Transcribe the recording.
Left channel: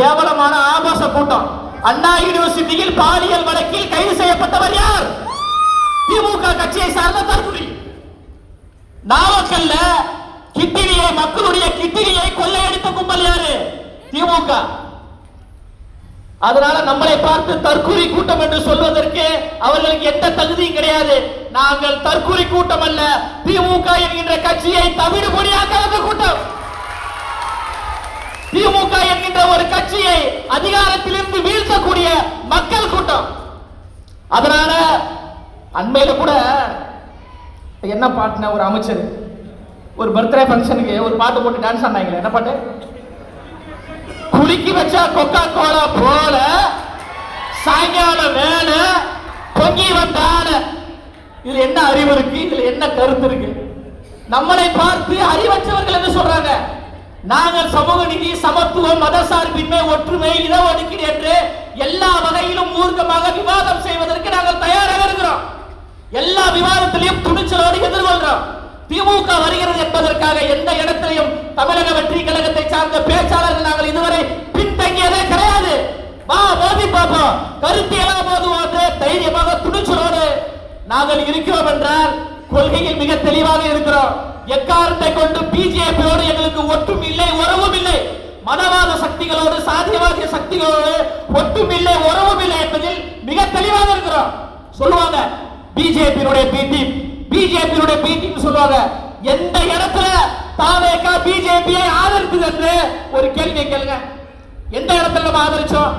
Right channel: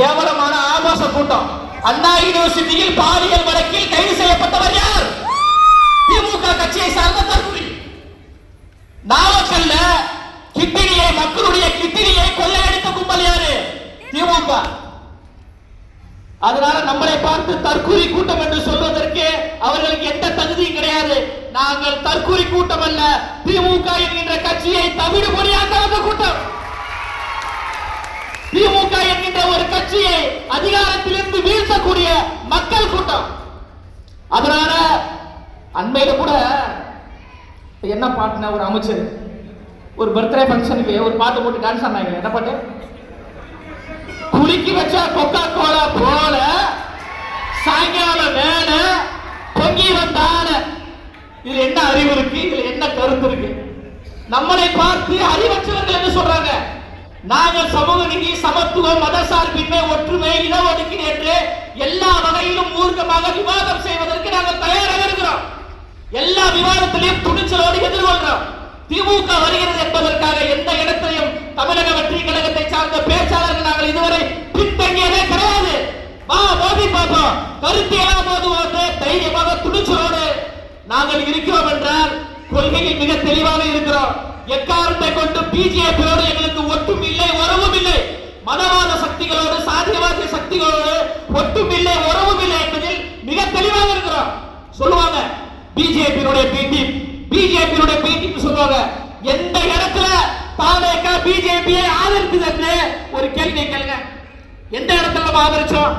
கேவலமான ஆபாச கூட்டம். அண்ணா யூனிவர்சிட்டியில் பாலியல் வழக்கில் கைது செய்யப்பட்டவர் யார்? திமுக கட்சியை சார்ந்த தற்கொலை நாமக்கல்ல கிட்டினியை மக்களுடைய கிட்டினியை கொள்ளையடித்த கும்பல் யாரு? திமுக. அதனால நம்மளை பார்த்து தற்கூரி கூட்டம் என்று சொல்வதற்கு அவர்களுக்கு எந்த தகுதியும் கிடையாது. நாங்கள் தற்கூரி கூட்டம் அல்ல திமுக என்கின்ற கட்சியை தமிழ் பொறியாக்க கூட்டம். திமுக என்கின்ற ஒரு கட்சியை அதிகாரத்திலிருந்து வீழ்த்தக்கூடிய மக்கள் கூட்டம் அதனால அண்மையில கூட என்ன பாட்டுனா ஒரு அமைச்சர் ஒரு பர்த்டே ஃபங்க்ஷனுக்கு ஒரு பாட்டு போட்டு டான்ஸ் ஆனாங்க என்ன பாட்டு? குலுக்கி வச்சா கொக்கா கோலா போல சாயங்காலம் வேலை பொங்கி வந்தான. இதுல என்ன அறிவு இருக்கு? இதுல என்ன கருத்து இருக்கு? நம்மளை பார்த்து அறிவற்றவர்கள் என்று சொல்றாங்க. நாங்கள் சமூக நீதி சமத்துவம் மதசார்பின்மை ஒற்றுமை இடஒதுக்கீடு என்று எல்லா வகையிலும் எல்லா விவாதத்திலையும் துணிச்சலோடு எதிர்கொள்கிறோம் திமுக வருகிறது என்பதற்காக எந்த இடத்திலையும் தமிழக வெற்றி கழகத்தை சார்ந்த பேச்சாளர்கள் நாங்கள் இதுவரை பின்தங்கியதே கிடையாது. வா மோதி பார்ப்போம் கருத்தியெல்லாம் மோதுவோடு தைரியமாக துணிச்சலோடு நாங்கள் இருக்கிறோம் என்றால் கொள்கையில் மிக தெளிவாக இருக்கிறோம். எக்காரத்தை கொண்டு பிஜேபியோடு எங்களுக்கு ஒட்டும் இல்லை உறவும் இல்லை. மனவாத சக்திகளோடு சாதியவாத சக்திகளோடு ஒட்டும் இல்லை உறவும் இல்லை என்பதில் மிக தெளிவாக இருக்கிறோம். சொல்லுவாங்க பிஜேபியினுடைய பீட்டி பிஜேபியினுடைய பீட்டின்னு சொல்லுவாங்க. எந்த இடத்துல தாவேக்கா பிஜேபியை ஆதரித்தது என்று ஒரு கேள்வியை கேளுங்க. எந்த இடத்துல நம்ம ஆதரிச்சோம்?